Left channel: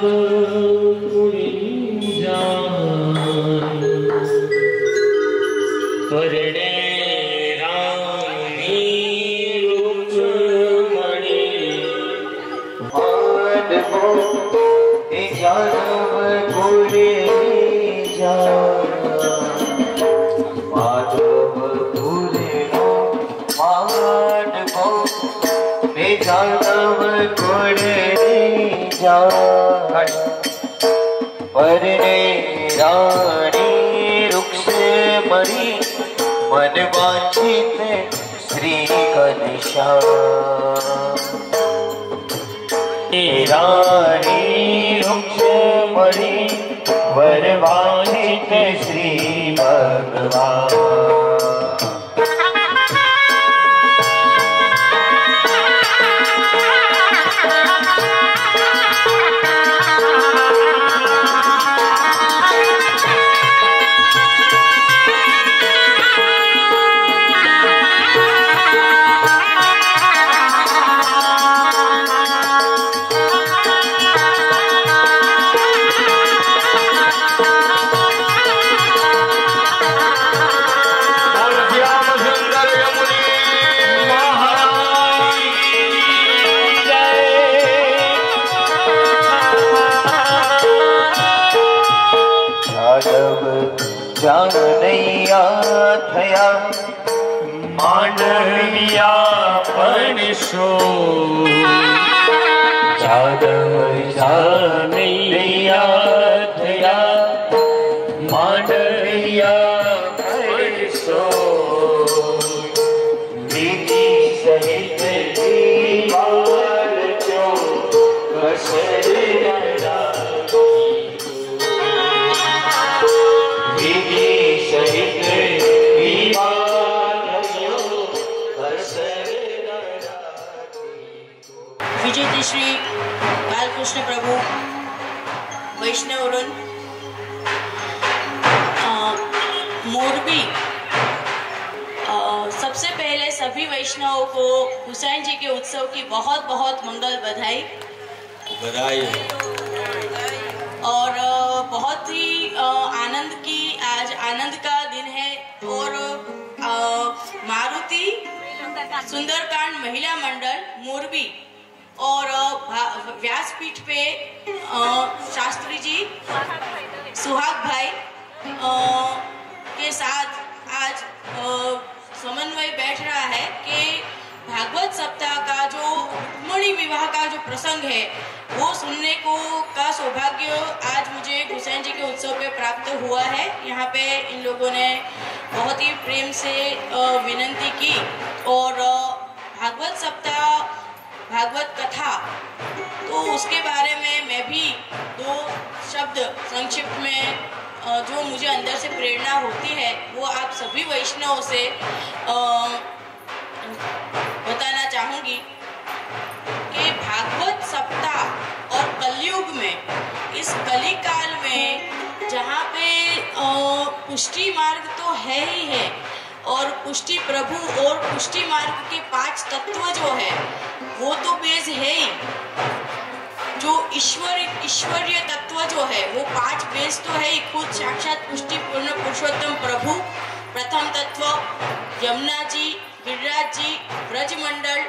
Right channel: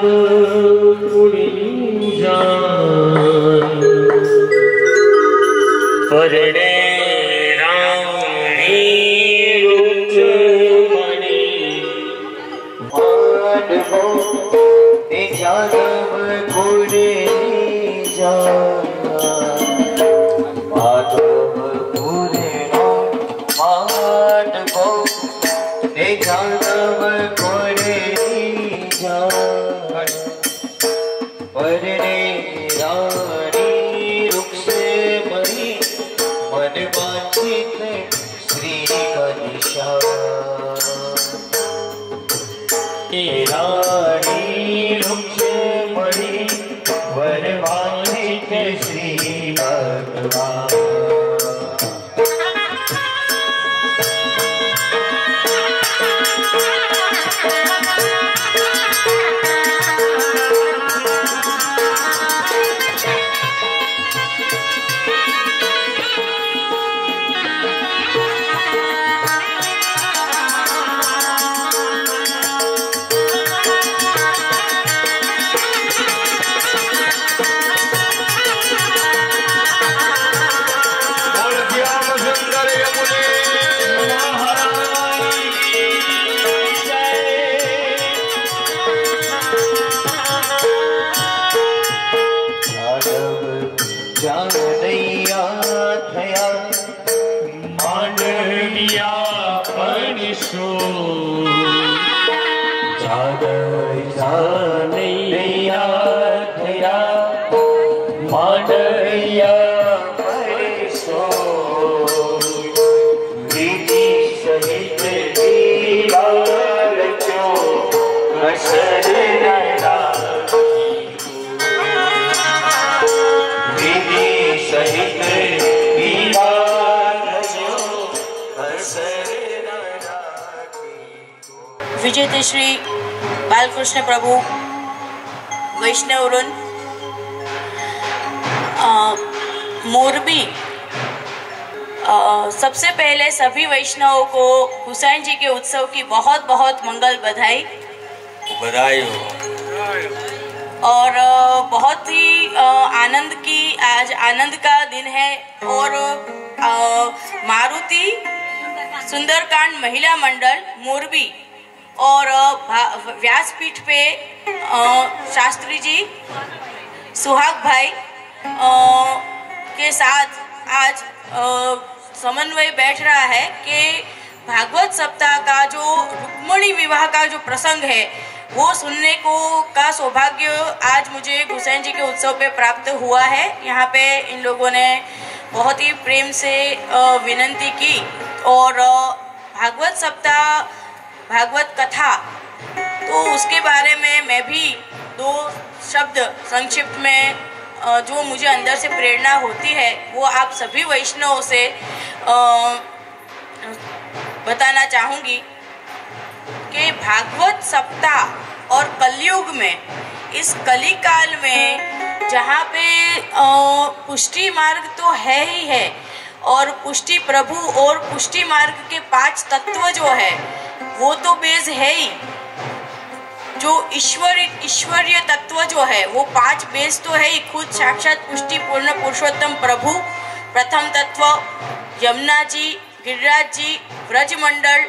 कुड़ी जान परणे रानी रुक्मणी माधव जानव कुड़ी जान माधव कुड़ी माधव जानव कुड़ी जान परणे रानी रुक्मणी मन वांछित श्री घनश्याम रानी रुक्मणी वर वांछित श्री भगवान जानैया थया मांडलिया परसो जानैया थया मांडलिया परसो विधि सहित दीवार जो कसर विजयदशमी बालकृष्ण प्रभु वैष्णव वृंद मोरबी। सबसे पहले सभी वैष्णवों को हुसैन जी के उत्सव की बहुत बहुत मंगल बधाई हो और बहुत ही आनंद की आज आनंद का दिन है और मारुति सुंदरकांड महिला मंडल मोरबी और व्यासपीठ पे शास्त्री जी सुहाग भाई के साथ आज समन्वय बैठ रहा है कि भागवत सप्ताह का जो रुक्मिणी विवाह का जो प्रसंग है वो सुनने को का सौभाग्य आज मुझे हुसैन जी के उत्सव पे प्राप्त हुआ है। यहाँ पे इन लोगों ने बहुत ही प्रेम से विनंती की और भागवत सप्ताह भागवत कथा तो उसके बारे में मैं भी दो शब्द संक्षिप्त में जो मुझे अंदर से प्रेरणा होती है वो आप सभी वैष्णवों से बताना चाहूँगी कि भागवत सप्ताह और कलयुग में इस कली काल में जहाँ पे पुष्टि मार्ग तो है ही है और पुष्टि प्रभु और पुष्टि मार्ग के 5 तत्व जो है वो तो बेस है ही। जो ईश्वरीय तत्व जो है वो 5 बेस तो है ही। खुद साक्षात पुष्टि पूर्ण पुरुषोत्तम प्रभु प्रथम तत्व, यमुना जी, गिरिराज जी, ब्रजमंडल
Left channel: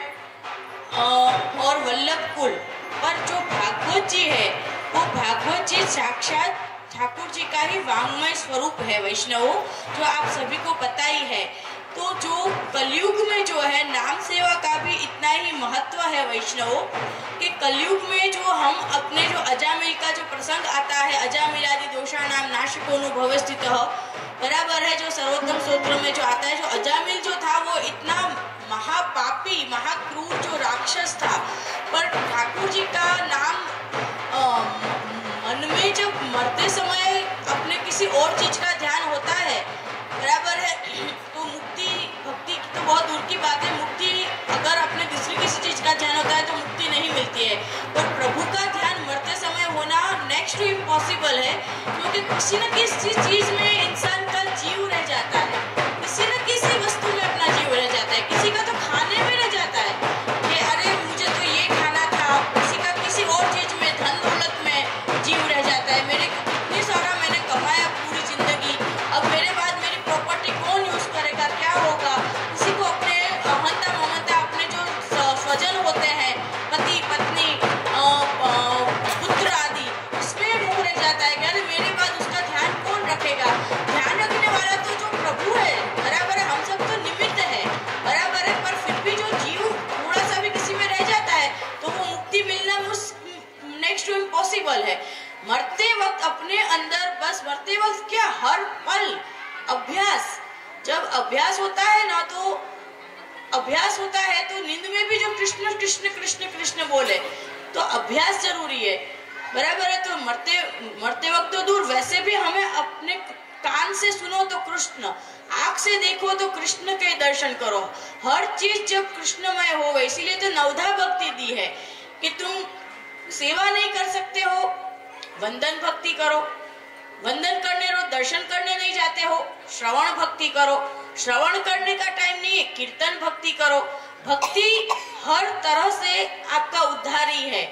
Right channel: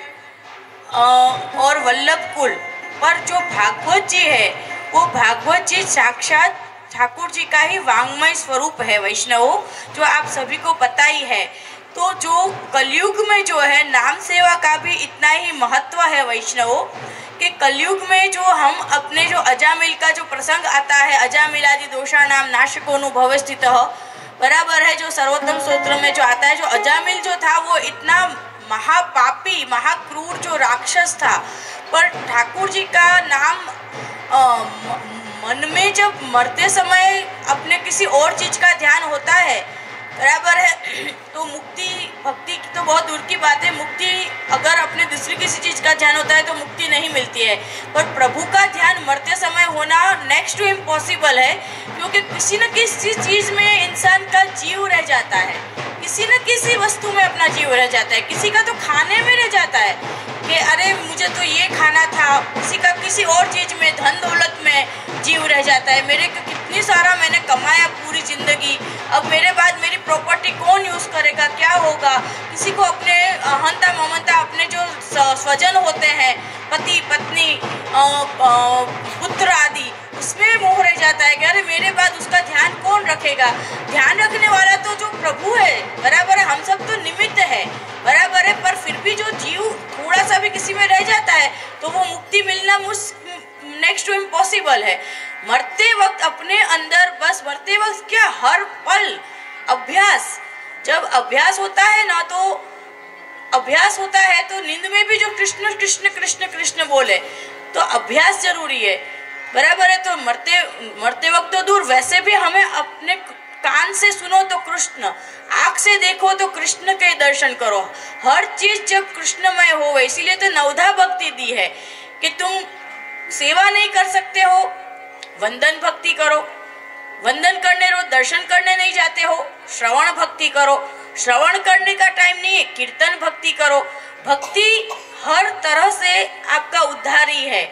और वल्लभ कुल। पर जो भागवत जी है वो भागवत जी साक्षात ठाकुर जी का ही वांग्मय स्वरूप है वैष्णवों, जो आप सभी को पता ही है। तो जो कलयुग में जो है नाम सेवा का भी इतना ही महत्व है वैष्णवों कि कलयुग में जो हम अपने जो अजामिल का जो प्रसंग आता है, अजामिलादि दोषा नाम नाशकोनु भवस्थित बराबर है, जो सर्वोत्तम स्तोत्र में जो आता है, जो अजामिल जो था वो इतना महापापी महाक्रूर जो राक्षस था, पर ठाकुर जी का नाम मन में जब मरते समय अपने किसी और चीज का ध्यान होता है बराबर है, तो मुक्ति भक्ति की तो बहुत दूर की बात है, मुक्ति अगर अपने दूसरी किसी चीज का ध्यान होता है तो मुक्ति नहीं मिलती है, पर प्रभु का ध्यान मरते समय होना नेक्स्ट टू इम्पॉसिबल है, क्योंकि किसी न किसी चीज में इंसान का जीव रह जाता है, किसी न किसी सी वस्तु में अपना जीव रह जाता है, किसी का तो खाने में रह जाता है कि अरे मुझे तो ये खाना था, किसी का किसी और चीज में, धन दौलत में जीव रह जाता है। मेरे कितनी सारा मैंने कमाया पूरी जिंदगी, अब मेरे बाद मेरी प्रॉपर्टी कौन यूज करेगा, क्या होगा। किसी को अपने हंता ममता, अपने जो स्वजन होते हैं, पति पत्नी पुत्र आदि, इसमें मोह रह जाता है कि अरे मेरे बाद उसका ध्यान कौन रखेगा। ध्यान रखने वाला तो जो प्रभु है, बराबर है, हम सब तो निमित्त है, बराबर है, पर फिर भी जो जीव थोड़ा सा भी किसी में रह जाता है तो वो मुक्ति मिलना नेक्स्ट टू इम्पॉसिबल है। मरते वक्त अपने अंदर, बस मरते वक्त क्या, हर पल अभ्यास, जब अभ्यास होता है ना, तो अभ्यास होता है तो नींद में भी जो कृष्ण कृष्ण कृष्ण कृष्ण बोले, तो अभ्यास जरूरी है, बराबर है। तो मरते वक्त तो दूर, वैसे भी हमें अपने कान से सुनो तो कृष्ण, आंख से देखो तो कृष्ण के दर्शन करो, हर चीज जब कृष्णमय हो। इसीलिए तो नवधा भक्ति दी है कि तुम सेवा नहीं कर सकते हो, वंदन भक्ति करो, वंदन करने रो, दर्शन करने नहीं जाते हो, श्रवण भक्ति करो, श्रवण करने का टाइम नहीं है, कीर्तन भक्ति करो। भक्ति हर तरह से आपका उद्धारी है,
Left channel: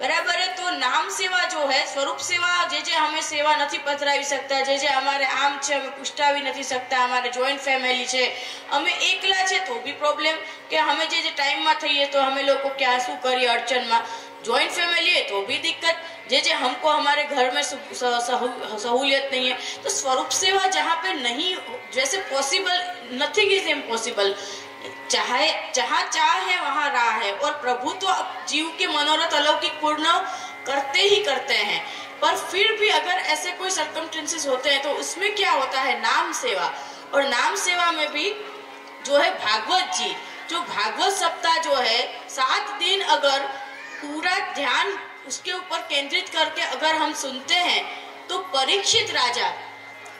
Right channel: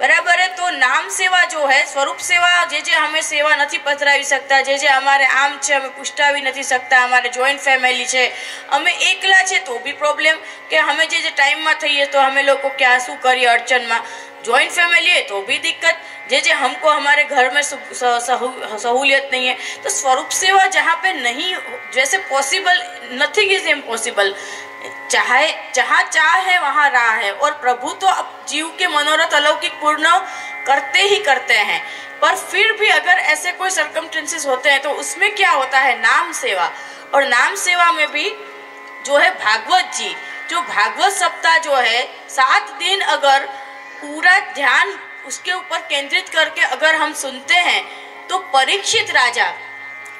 बराबर है। तो नाम सेवा जो है, स्वरूप सेवा, जे हमें सेवा नहीं पधरावी सकता, जे हमारे आम है हमें पुष्टावी नहीं सकता, हमारे जॉइंट फैमिली है, हमें एकला है तो भी प्रॉब्लम कि हमें जे टाइम में थईए तो हमें लोग क्या शू करिए अड़चन में, जॉइंट फैमिली है तो भी दिक्कत, जे हमको हमारे घर में सहूलियत नहीं है। तो स्वरूप सेवा जहाँ पे नहीं, जैसे पॉसिबल, नथिंग इज इम्पॉसिबल, चाहे जहाँ चाह है वहाँ राह है, और प्रभु तो अब जीव के मनोरथ अलौकिक पूर्ण करते ही करते हैं। पर फिर भी अगर ऐसे कोई सर्कमस्टेंसेस होते हैं तो उसमें क्या होता है, नाम सेवा। और नाम सेवा में भी जो है भागवत जी, जो भागवत सप्ताह जो है 7 दिन अगर पूरा ध्यान उसके ऊपर केंद्रित करके अगर हम सुनते हैं तो परीक्षित राजा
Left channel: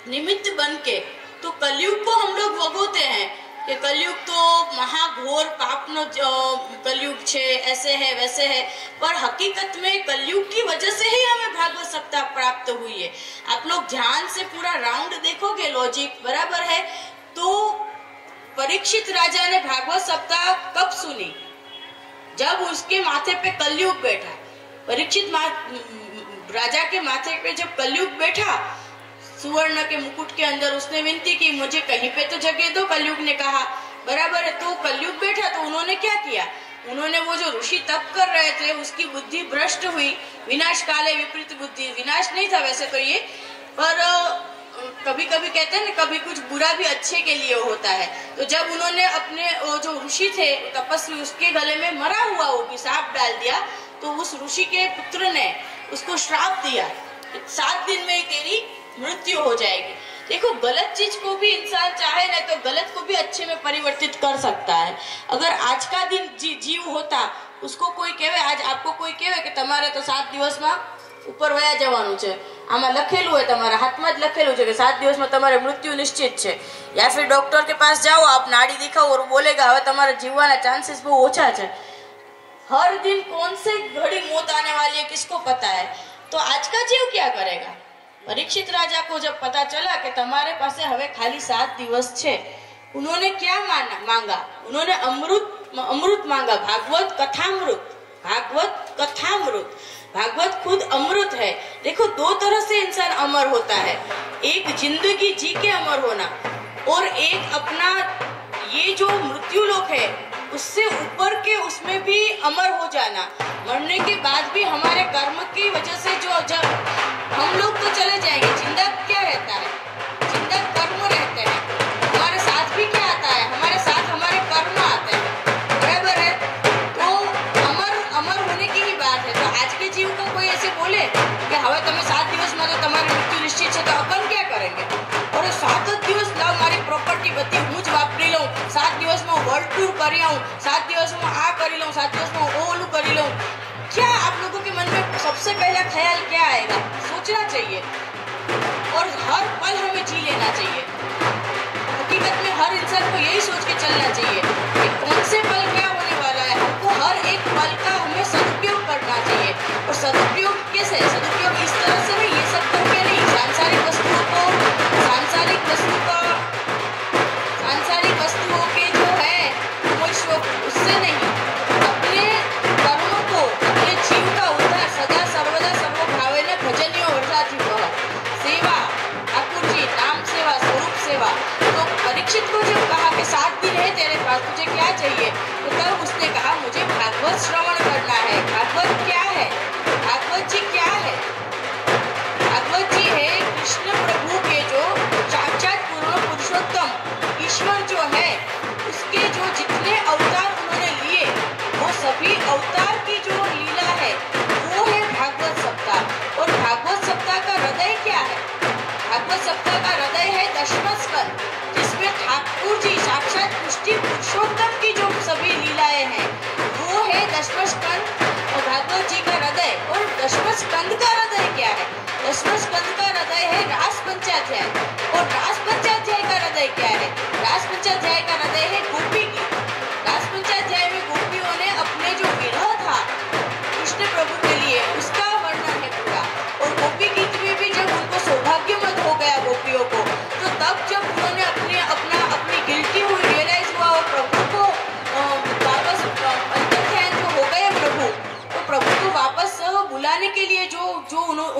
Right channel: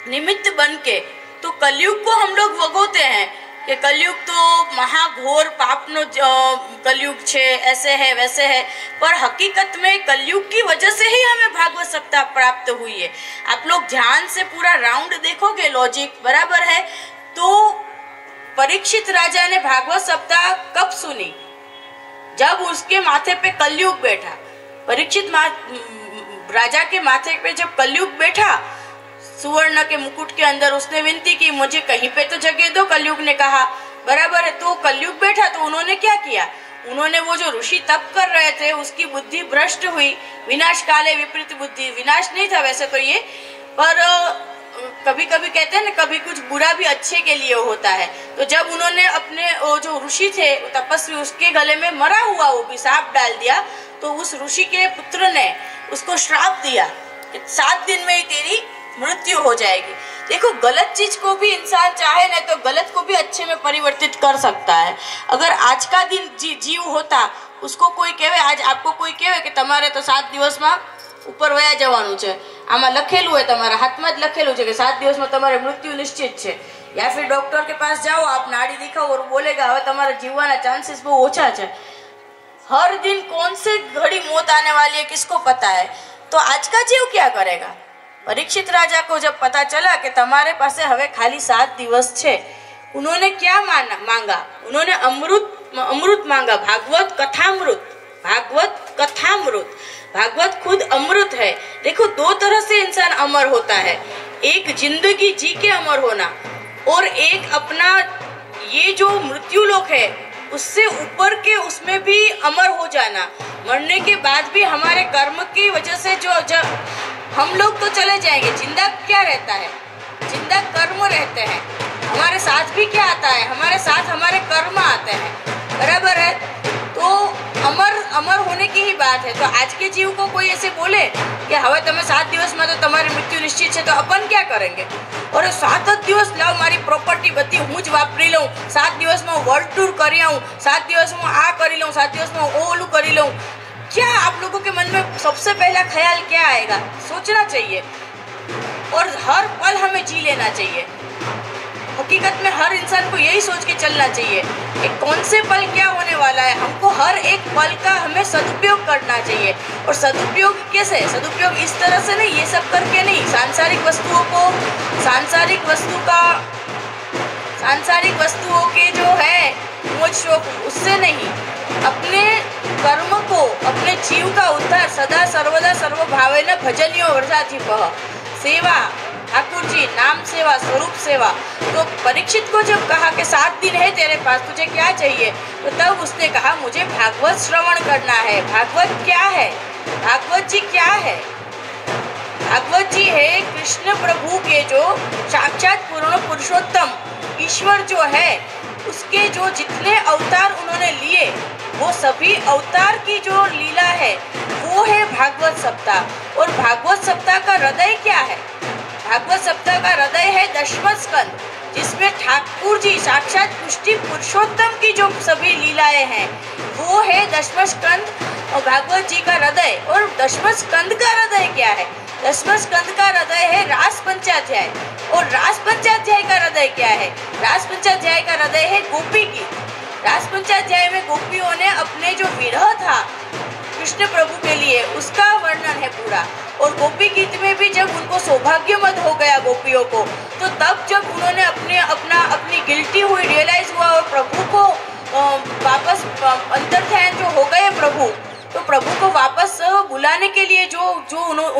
निमित्त बन के तो कलयुग को हम लोग भोगते हैं कि कलयुग तो महाघोर पापनो कलयुग छे, ऐसे है वैसे है, पर हकीकत में कलयुग की वजह से ही हमें भागवत सप्ताह प्राप्त हुई है। आप लोग ध्यान से पूरा राउंड देखोगे, लॉजिक बराबर है। तो परीक्षित राजा ने भागवत सप्ताह कब सुनी, जब उसके माथे पे कलयुग बैठा। परीक्षित राजा के माथे पे जब कलयुग बैठा, सुवर्ण के मुकुट के अंदर, उसने विनती की मुझे कहीं पे तो जगह दो, कलयुग ने कहा, बराबर है। तो कलयुग बैठा तो उन्होंने क्या किया, उन्होंने वो जो ऋषि तप कर रहे थे उसकी बुद्धि भ्रष्ट हुई, विनाश काले विपरीत बुद्धि, विनाश नहीं था वैसे तो ये, पर कभी कभी कहते हैं ना, कभी कुछ बुरा भी अच्छे के लिए होता है। तो जब उन्होंने अपने वो जो ऋषि थे तपस्वी, उसके गले में मरा हुआ वो भी सांप डाल दिया, तो उस ऋषि के पुत्र ने उसको श्राप दिया कि 7 दिन में ही तेरी मृत्यु हो जाएगी। देखो, गलत चीज को भी इंसान चाहे ना तो गलत को भी अच्छे में परिवर्तित कर सकता है। अगर आज का दिन जीव होता, उसको कोई कहे, आज आपको कोई कहे कि તમારે तो 7 દિવસ में ऊपर वया जवानुं छे, आमा लखेलू है, तमारा हाथ में ज लखेलू है कि 7 દિવસ में तमारी मृत्यु निश्चित है, या फिर डॉक्टर के पास जाओ, आप नाड़ी दिखाओ और बोलेगा हवे तमारा जीववाना चांसेस बहुत ओछा है। हर दिन कौन से घड़ी मौत आने वाली है किसको पता है। तो आज का जीव क्या करेगा। परीक्षित राजा को जब पता चला कि तुम्हारे पास हवे खाली 7 દિવસ छे, उन्होंने क्या मांगा, उन्होंने अमृत मांगा, भागवत कथामृत, भागवत कथामृत। भागवत खुद अमृत है। देखो, 2 तरह से इंसान अमर होता है, एक जिंदगी जी के अमर होना, और एक अपना ये जो मृत्यु लोक है उससे ऊपर के उसमें भी अमर हो जाना। मरने के बाद भी हमारे कर्म की वजह से जो जब हम लोग तो चले जाएंगे, जिंदा क्या रहता है, जिंदा कर्म रहते हैं। हमारे साथ भी क्या आता है, हमारे साथ हमारे कर्म आते हैं, बराबर है। तो अमर होने की ही बात है। तो आज के जीव को कोई ऐसे बोले कि हवे तमे 7 દિવસ में तो तुम्हारी मृत्यु निश्चित है, तो अपन क्या करेंगे, और 7 જ દિવસ लाओ, मारी प्रॉपर्टी बती हूँ ज वापरी लूं, 7 દિવસ में वर्ल्ड टूर करी आऊं, 7 દિવસ में आ करी लूं, 7 દિવસ में ओलू करी लूं। क्या आप लोगों के मन में सबसे पहला ख्याल क्या आएगा, सोचना चाहिए, और हर पल हमें जी लेना चाहिए। हकीकत में हर इंसान को यही सोच के चलना चाहिए कि कौन से पल क्या होने वाला है। हमको हर एक पल का हमें सदुपयोग करना चाहिए। और सदुपयोग कैसे, सदुपयोग इस तरह से नहीं, ये सब करके नहीं, सांसारिक वस्तुओं को, सांसारिक विश्व उससे नहीं, अपने कर्म को, अपने जीव का उद्धार सदा सर्वदा सर्वभावेन भजनियो वर्षाथी बह सेवा, ठाकुर जी नाम सेवा, स्वरूप सेवा। तो परीक्षित को जब कहा कि 7 दिन है तेरे पास, तुझे क्या चाहिए, तो तब उसने कहा मुझे भागवत श्रवण करना है। भागवत क्या है? भागवत जी क्या है? भागवत जी है कृष्ण प्रभु के जो साक्षात पूर्ण पुरुषोत्तम ईश्वर जो है, उसके जो जितने अवतार उन्होंने लिए, वो सभी अवतार की जो लीला है वो है भागवत सप्ताह। और भागवत सप्ताह का हृदय क्या है? भागवत सप्ताह का हृदय है दशम स्कंद, जिसमें ठाकुर जी साक्षात पुष्टि पुरुषोत्तम की जो सभी लीलाएं हैं वो है दशम स्कंद और भागवत जी का हृदय। और दशम स्कंद का हृदय क्या है? दशम स्कंद का हृदय है रास पंचाध्याय। और रास पंचाध्याय का हृदय क्या है? रास पंचाध्याय का हृदय है गोपी गीत। रास पंचाध्याय में गोपियों ने अपने जो विरह था कृष्ण प्रभु के लिए, उसका वर्णन है पूरा। और गोपी गीत में भी जब उनको सौभाग्य मत हो गया गोपियों को, तो तब जब उन्होंने अपनी गिल्टी हुई रियलाइज हुआ और प्रभु को वापस अंतर्ध्यान जो हो गए प्रभु, तो प्रभु को वापस बुलाने के लिए जो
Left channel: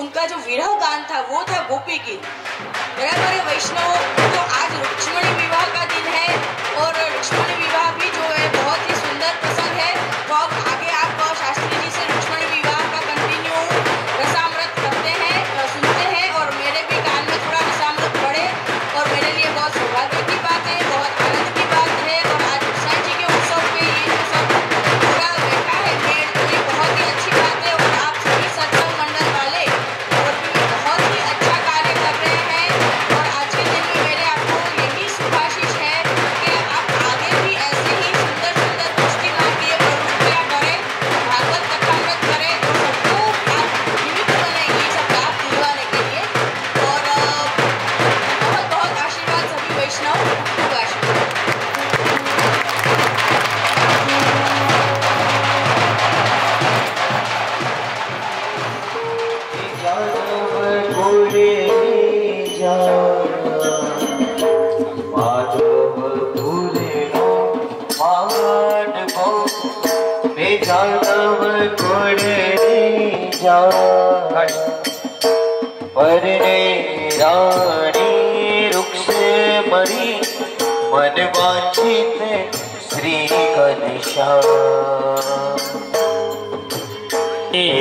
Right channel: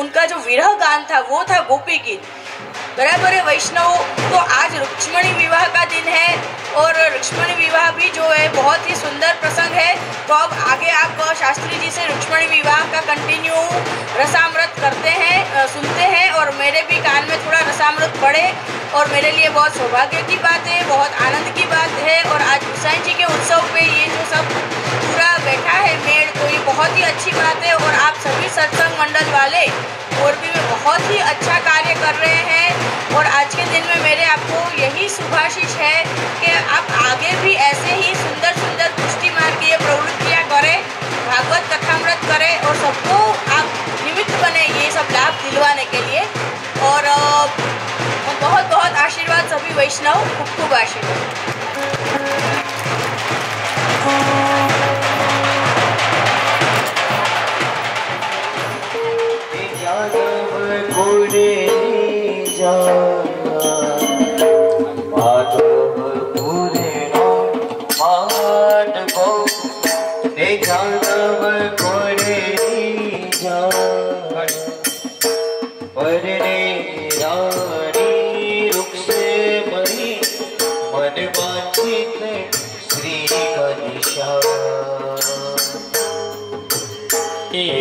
उनका जो विरह गान था वो था गोपी गीत। बराबर है वैष्णव। तो आज रुक्मिणी विवाह का दिन है और रुक्मिणी विवाह भी जो है बहुत ही सुंदर प्रसंग है। तो अब आगे आप शास्त्री जी से रुक्मिणी विवाह का कंटिन्यू रसामृत करते हैं, सुनते हैं और मेरे भी कान में थोड़ा रसामृत पड़े और मेरे लिए बहुत सौभाग्य की बात है, बहुत आनंद की बात है। और आज गोसाई जी के उत्सव में ये जो सब पूरा बैठा है मेल, तो ये बहुत ही अच्छी बात है। और आप सभी सत्संग मंडल वाले मोरबी में बहुत ही अच्छा कार्य कर रहे हैं। और आज के दिन में मेरे आपको यही शुभाशीष है कि आप आगे भी ऐसे ही सुंदर सुंदर पुष्टि मार्गीय प्रवृत्तियाँ करें, भागवत कथामृत करें और सबको आप निमित्त बने ये सब लाभ दिलवाने के लिए। और बहुत बहुत आशीर्वाद सभी वैष्णव, खूब आशीर्वाद।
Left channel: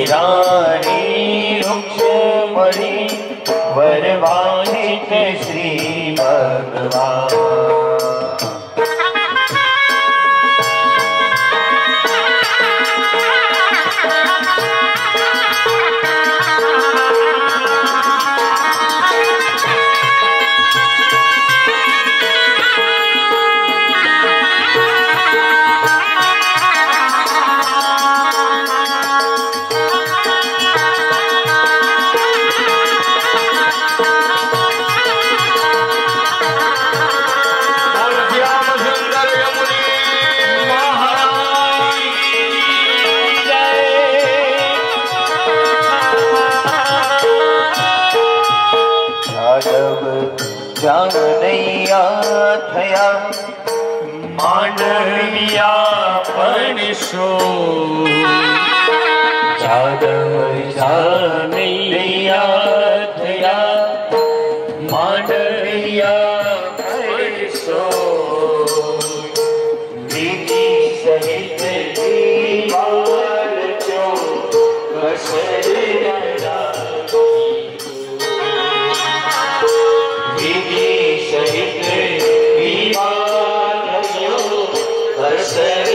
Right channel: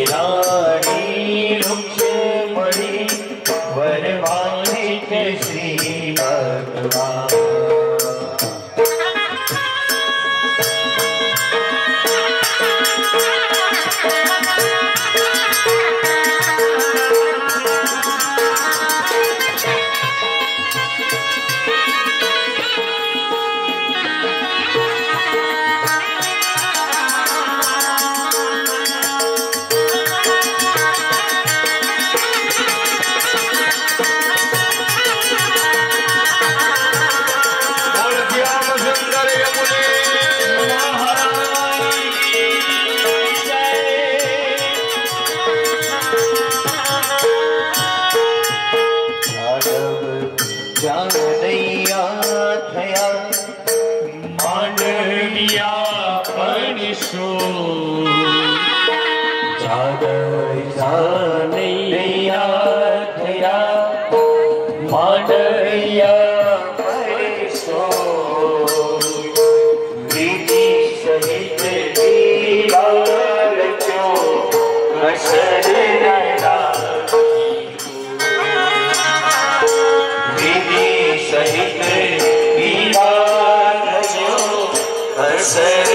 रानी रुक्मिणी वरवासित श्री भगवान। जानैया थया मांडविया परसो जानैया थया मांडविया परसो विधि सहित दीवार क्यों असर नया विधि सहित विवाद क्यों असर